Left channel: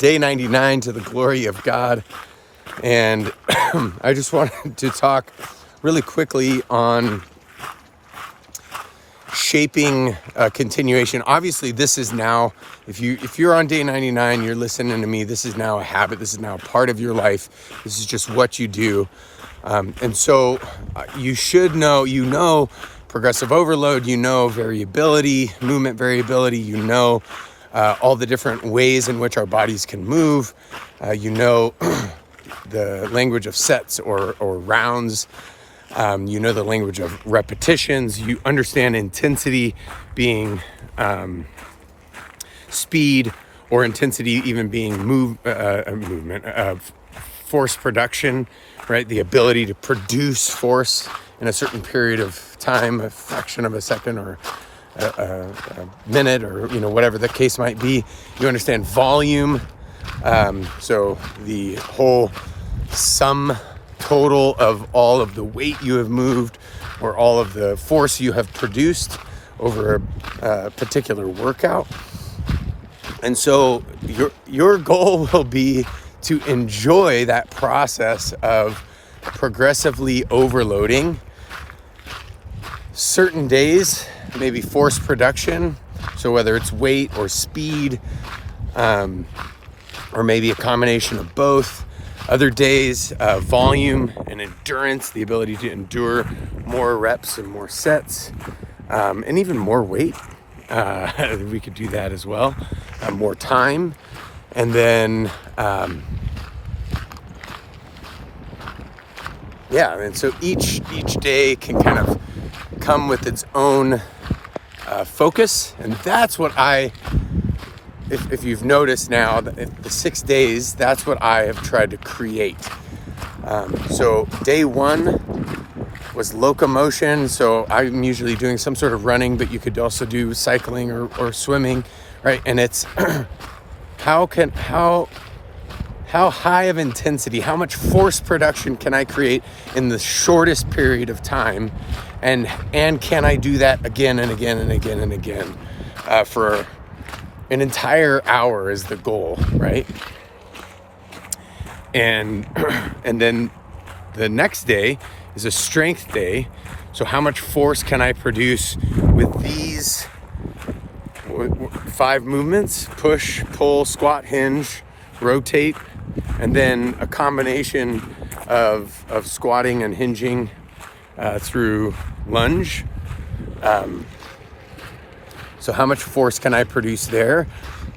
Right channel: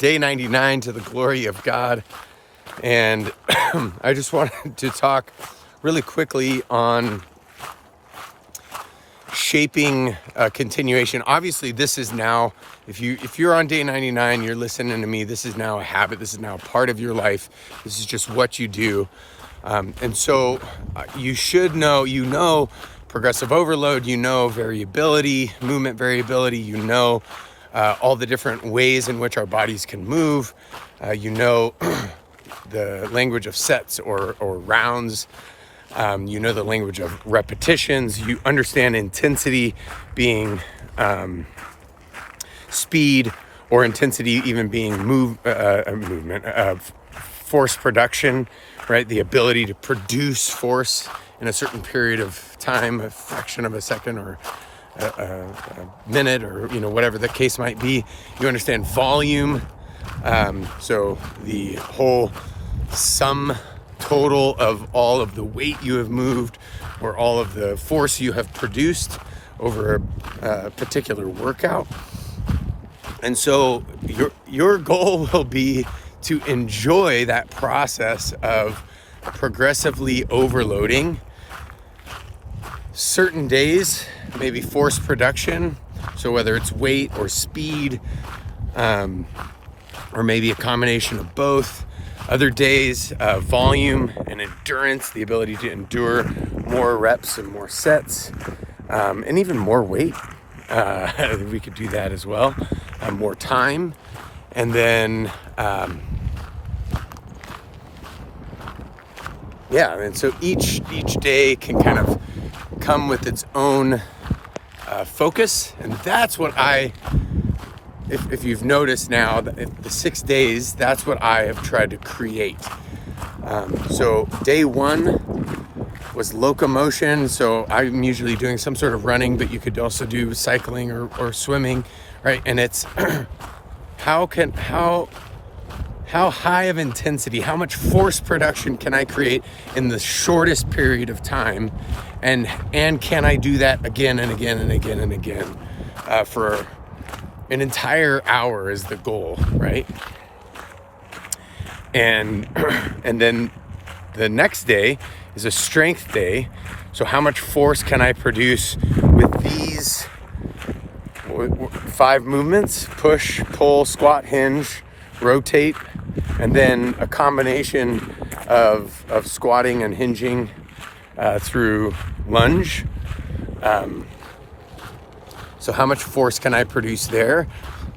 day 99 to the glory of God. And I just wanted to talk really quickly on shaping a continuation. Obviously, this is now, if you're on day 99, you're listening to me, this is now a habit. This is now a part of your life. This is just what you do. And so you should know, progressive overload, variability, movement variability, all the different ways in which our bodies can move, the language of sets or rounds, the language of repetitions, you understand intensity being speed, or intensity even being movement of force production, right? The ability to produce force in a certain period of time, a fraction of a second or a minute, or whatever the case might be. You understand volume, so the whole sum total of all of the weight you have moved or all of the force you have produced over a particular workout. And so your goal will be to enjoy that process of progressively overloading. Certain days, maybe force production, so whether it's weight or speed, or maybe a combination of both. Other days, volume and endurance, the ability to endure more reps and more sets, and even more weight. We could do that as well. More time. And then, and so each day can kind of come with its own focus. And that's what if you've noticed now, the 6 days, that's what I have tried to create. So day 1 was locomotion. So I'm usually doing some sort of running, but you could also do cycling or swimming, right? And it's how high of intensity, how much force production can I create in the shortest period of time? And can I do that again and again and again and again for an entire hour is the goal, right? And then the next day is a strength day. So how much force can I produce with these 5 movements? Push, pull, squat, hinge, rotate, and then a combination of squatting and hinging through lunge. So how much force can I produce there?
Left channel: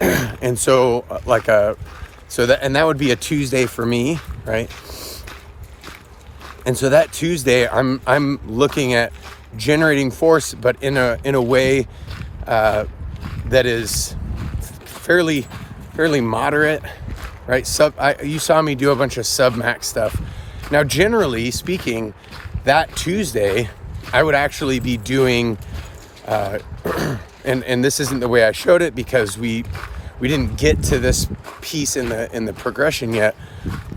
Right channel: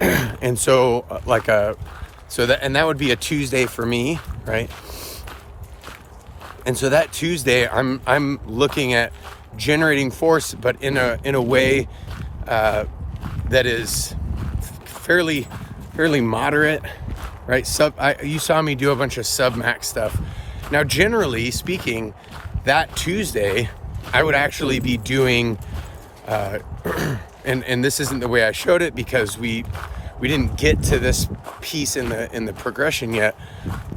And so that would be a Tuesday for me, right? And so that Tuesday, I'm looking at generating force, but in a way that is fairly moderate, right? You saw me do a bunch of sub-max stuff. Now, generally speaking, that Tuesday, I would actually be doing, and this isn't the way I showed it because we didn't get to this piece in the progression yet.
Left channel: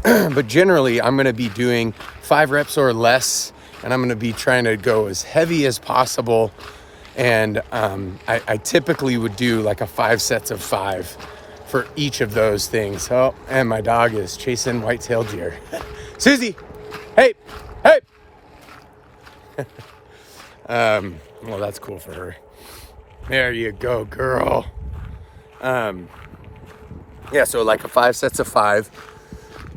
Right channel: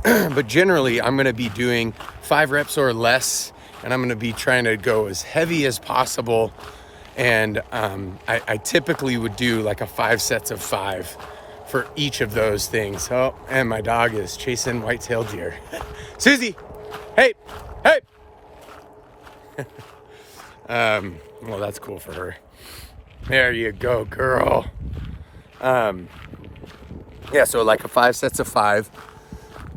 But generally, I'm going to be doing 5 reps or less, and I'm going to be trying to go as heavy as possible. And I typically would do like a 5 sets of 5 for each of those things. Oh, and my dog is chasing white-tailed deer. Susie, hey. Well, that's cool for her. There you go, girl. So like a 5 sets of 5.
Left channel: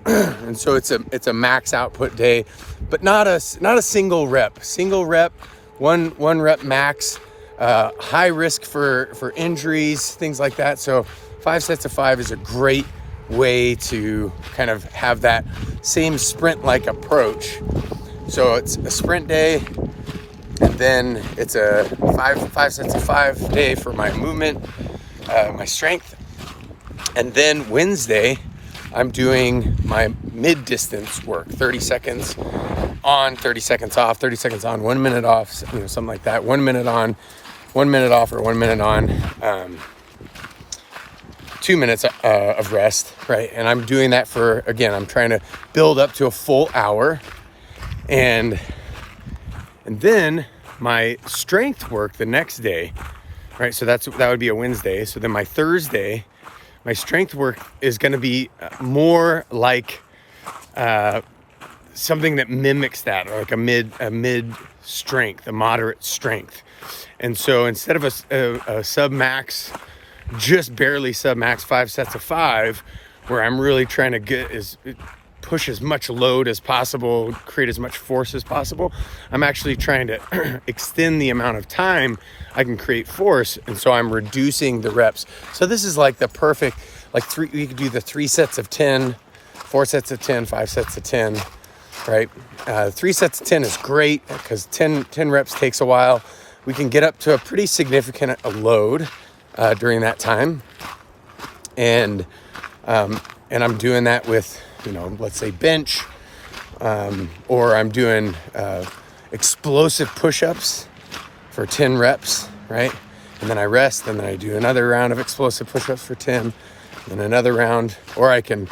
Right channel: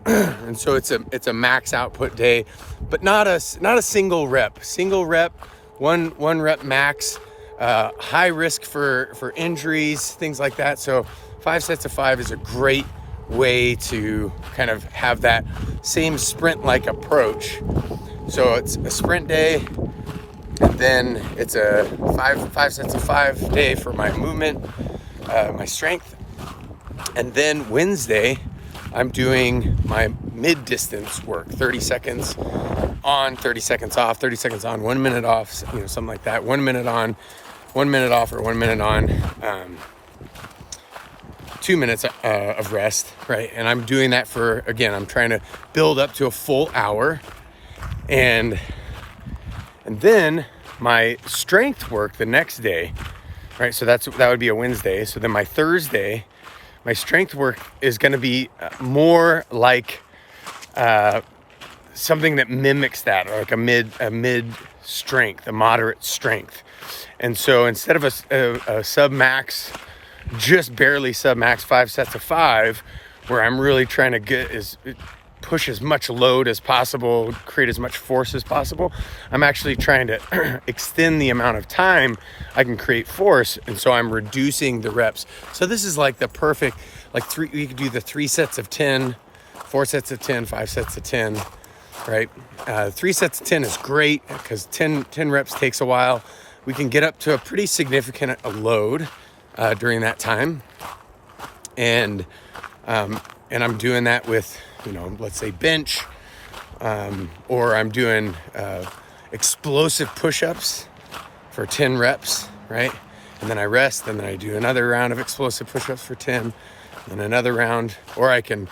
And so it's a max output day, but not a single rep. Single rep, one rep max, high risk for injuries, things like that. So 5 sets of 5 is a great way to kind of have that same sprint-like approach. So it's a sprint day, and then it's a 5 sets of 5 day for my movement, my strength. And then Wednesday, I'm doing my mid-distance work, 30 seconds on, 30 seconds off, 30 seconds on, 1 minute off, something like that. 1 minute on, 1 minute off, or 1 minute on, 2 minutes of rest, right? And I'm doing that I'm trying to build up to a full hour. And then my strength work the next day, right? So that would be a Wednesday. So then my Thursday my strength work is going to be more like something that mimics that, or like a mid strength, a moderate strength. And so instead of a sub max, just barely sub max 5 sets of 5, where I'm really trying to push as much load as possible, create as much force as possible, I'm actually trying to extend the amount of time I can create force. And so I'm reducing the reps. So this is like the perfect, you could do the 3 sets of 10, 4 sets of 10, 5 sets of 10, right? 3 sets of 10 is great because 10 reps takes a while. We can get up to a pretty significant load during that time. And I'm doing that with, let's say bench, or I'm doing explosive push-ups for 10 reps, right? And then I rest, and then I do another round of explosive push-ups for 10, and another round, or I can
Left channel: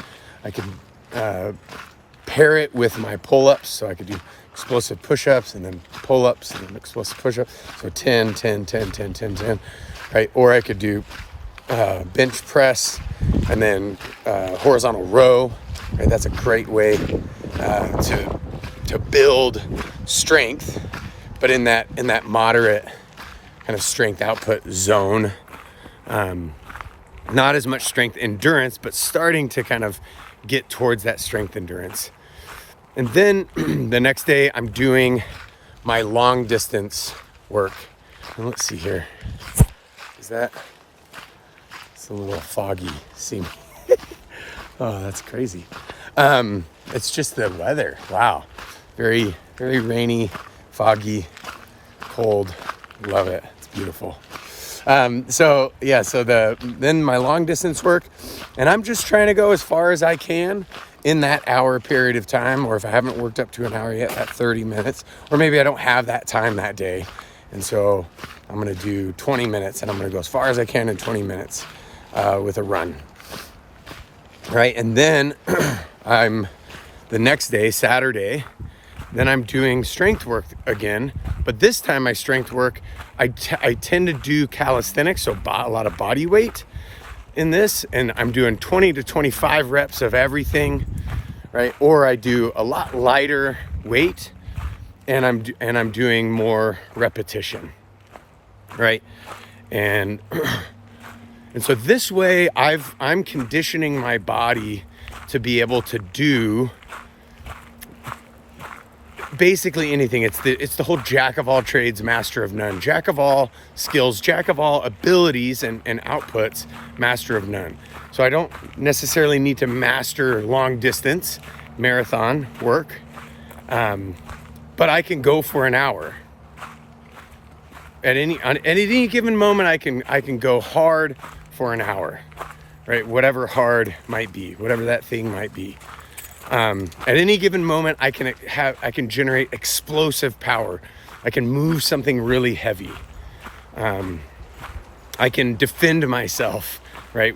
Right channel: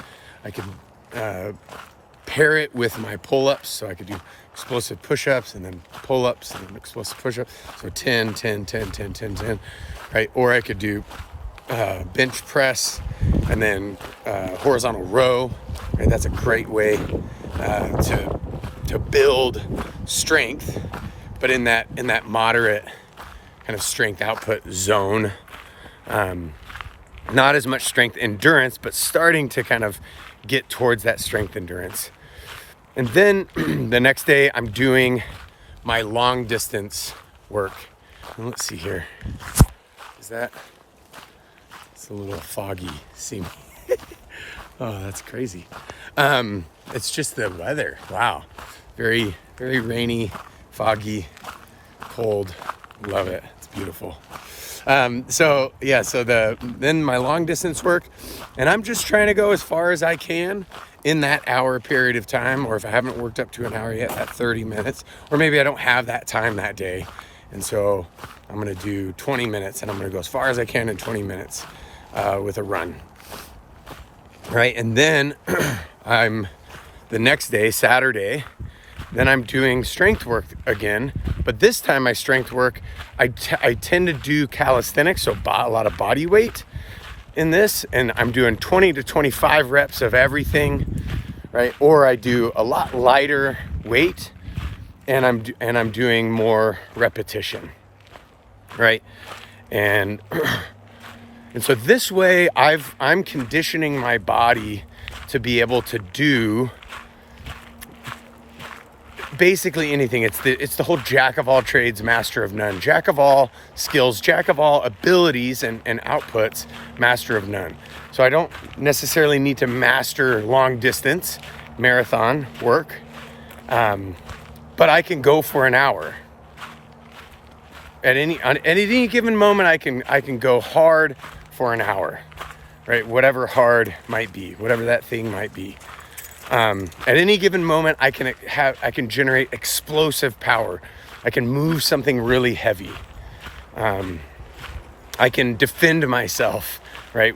pair it with my pull-ups, so I could do explosive push-ups and then pull-ups and then explosive push-ups, so 10, 10, 10, 10, 10, 10, right? Or I could do bench press and then horizontal row, right? That's a great way to build strength, but in that moderate kind of strength output zone. Not as much strength endurance, but starting to kind of get towards that strength endurance. And then the next day I'm doing my long distance work. And let's see here. It's a little foggy. See me? Oh, that's crazy. It's just the weather. Wow. Very, very rainy, foggy, cold. Love it. It's beautiful. Then my long distance work, and I'm just trying to go as far as I can in that hour period of time, or if I haven't worked up to an hour yet, that 30 minutes, or maybe I don't have that time that day. And so I'm going to do 20 minutes, and I'm going to go as far as I can in 20 minutes with a run. Right. And then the next day, Saturday, then I'm doing strength work again, but this time my strength work, I tend to do calisthenics, so a lot of body weight in this, and I'm doing 20 to 25 reps of everything, right? Or I do a lot lighter weight, and I'm doing more repetition, right? And so this way I'm conditioning my body to be able to do basically anything. It's the whole jack of all trades, master of none. Jack of all skills, jack of all abilities and outputs, master of none. So I don't necessarily need to master long distance marathon work, but I can go for an hour. At any given moment, I can go hard for an hour, right? Whatever hard might be, whatever that thing might be. At any given moment, I can generate explosive power. I can move something really heavy. I can defend myself, right?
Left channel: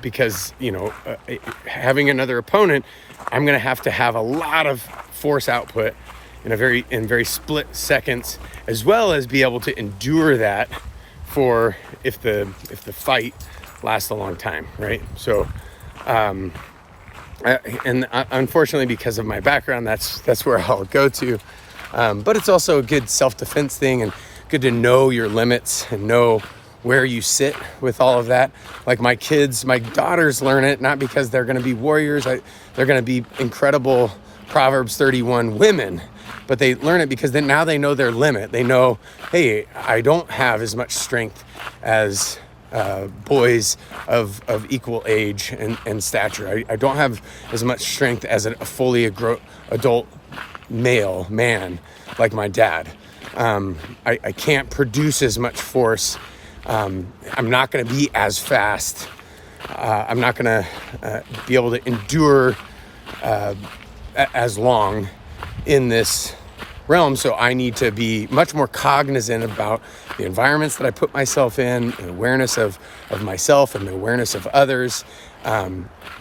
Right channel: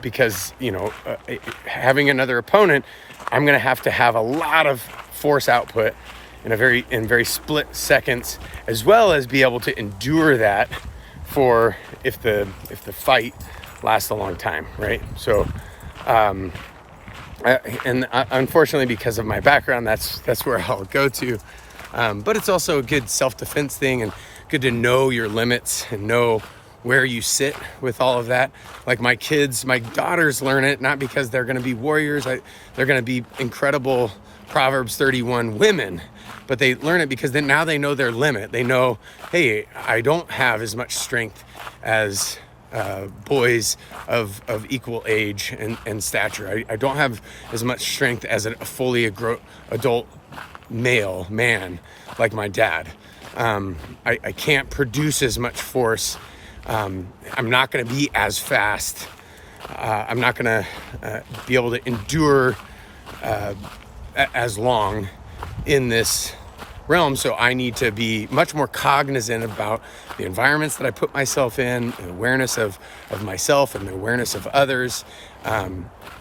Because, having another opponent, I'm going to have a lot of force output in very split seconds, as well as be able to endure that for if the fight lasts a long time, right? So, unfortunately, because of my background, that's where I'll go to. But it's also a good self-defense thing, and good to know your limits and know where you sit with all of that. Like my daughters learn it, not because they're going to be warriors. They're going to be incredible Proverbs 31 women, but they learn it because now they know their limit. They know, hey, I don't have as much strength as boys of equal age and stature. I don't have as much strength as a fully adult man like my dad. I can't produce as much force. I'm not going to be as fast. I'm not going to be able to endure as long in this realm. So I need to be much more cognizant about the environments that I put myself in, and awareness of myself and the awareness of others,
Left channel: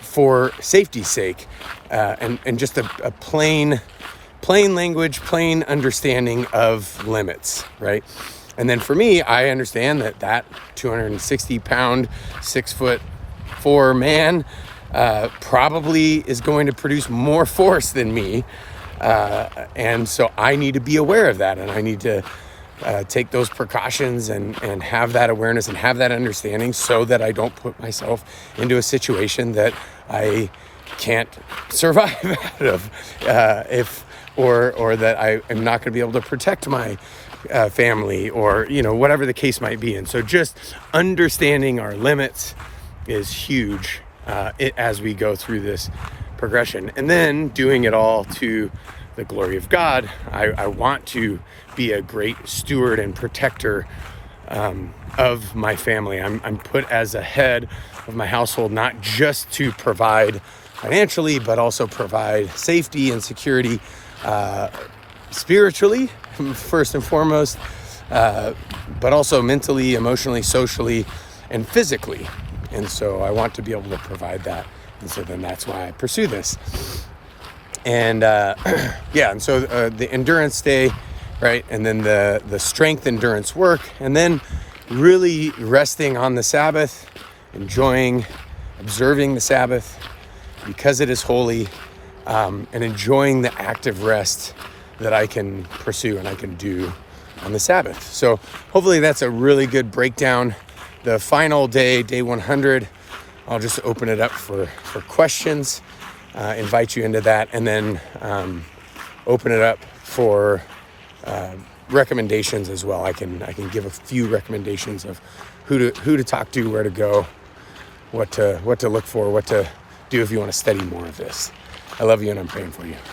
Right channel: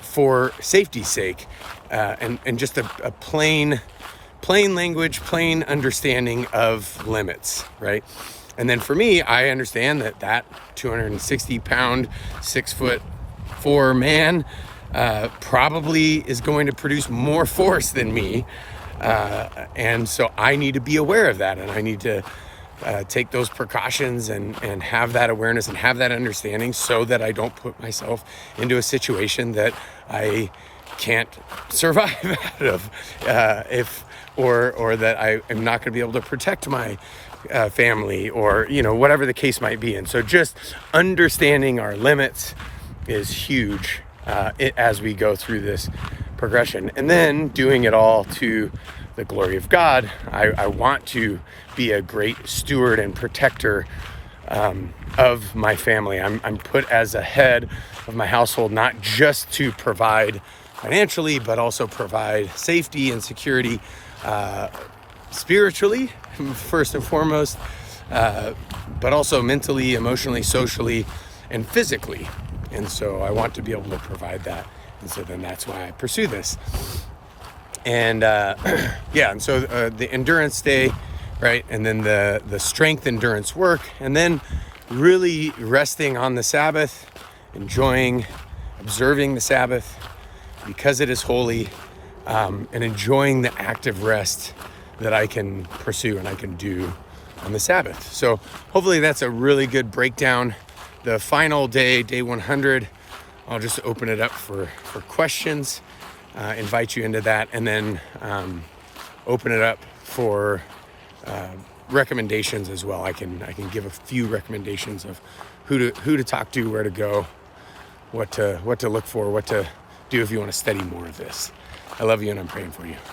for safety's sake, and just a plain language, plain understanding of limits, right? And then for me, I understand that 260 pound, 6'4" man probably is going to produce more force than me. And so I need to be aware of that, and I need to take those precautions and have that awareness and have that understanding so that I don't put myself into a situation that I can't survive out of, or that I am not going to be able to protect my family, or whatever the case might be. And so just understanding our limits is huge as we go through this progression, and then doing it all to the glory of God. I want to be a great steward and protector of my family. I'm put as a head of my household, not just to provide financially, but also provide safety and security spiritually, first and foremost, but also mentally, emotionally, socially, and physically. And so I want to be able to provide that. And so then that's why I pursue this. And and so the endurance day, right? And then the strength endurance work, and then really resting on the Sabbath, observing the Sabbath because it is holy, and enjoying the active rest that I can pursue and I can do on the Sabbath. So hopefully that's a really good breakdown. The final day, day 100, I'll just open it up for questions, invite you into that, and then open it up for recommendations as well. I can give a few recommendations of who to talk to, where to go, what to look for, what to do if you want to study more of this. I love you, and I'm praying for you.